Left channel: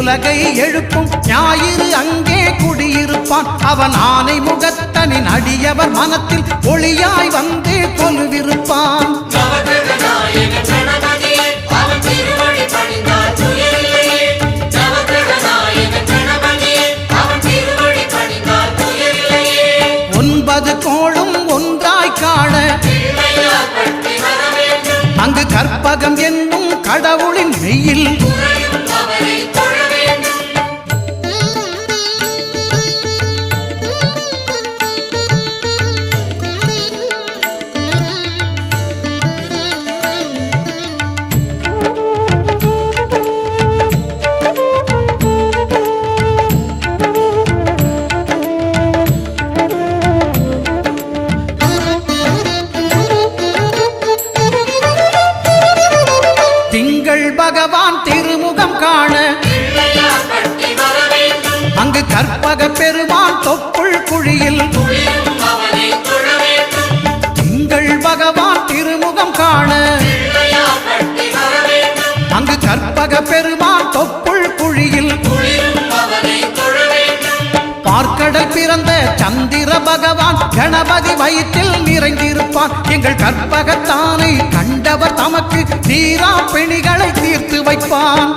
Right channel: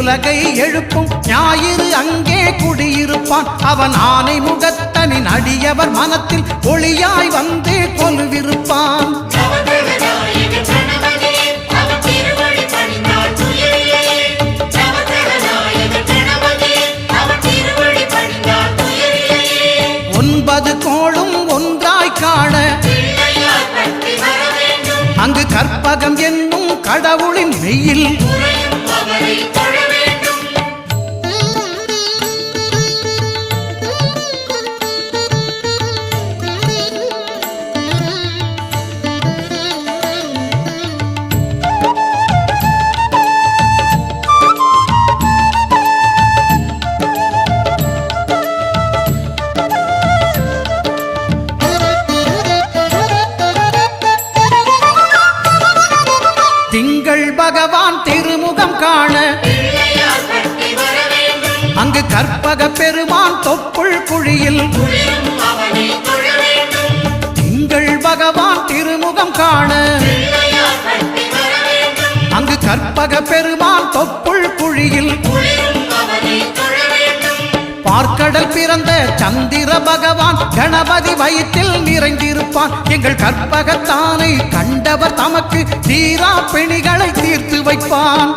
உலகை எழுப்பும் ஞாயிறு அங்கே குடியிருப்பான். அவன் ஆனை முகத்தனின் அடியவர் மனத்தில் ஒளியாய் வந்து கொலுவிருப்பான். ஒன்பது கோளும் ஒன்றாய் காண அங்கு கற்பகம் என்னும் கடவுளின் மெய்யில் திங்கள் பகவான் திருமுகம் காண அங்கு கற்பக பெருமான் தொப்புள் குழியில் திங்கள் பகவான் திருமுகம் காண அங்கு கற்பக பெருமான் தொப்புள் குழியில் பார்க்கடல் பிறந்த சந்திர பகவான் கணபதி வயிற்றில் நிறைந்திருப்பான். எங்கள் கற்பகத்தானை கண்டவர் தமக்கு தீரா பிணிகளை தீர்த்து வைப்பான்.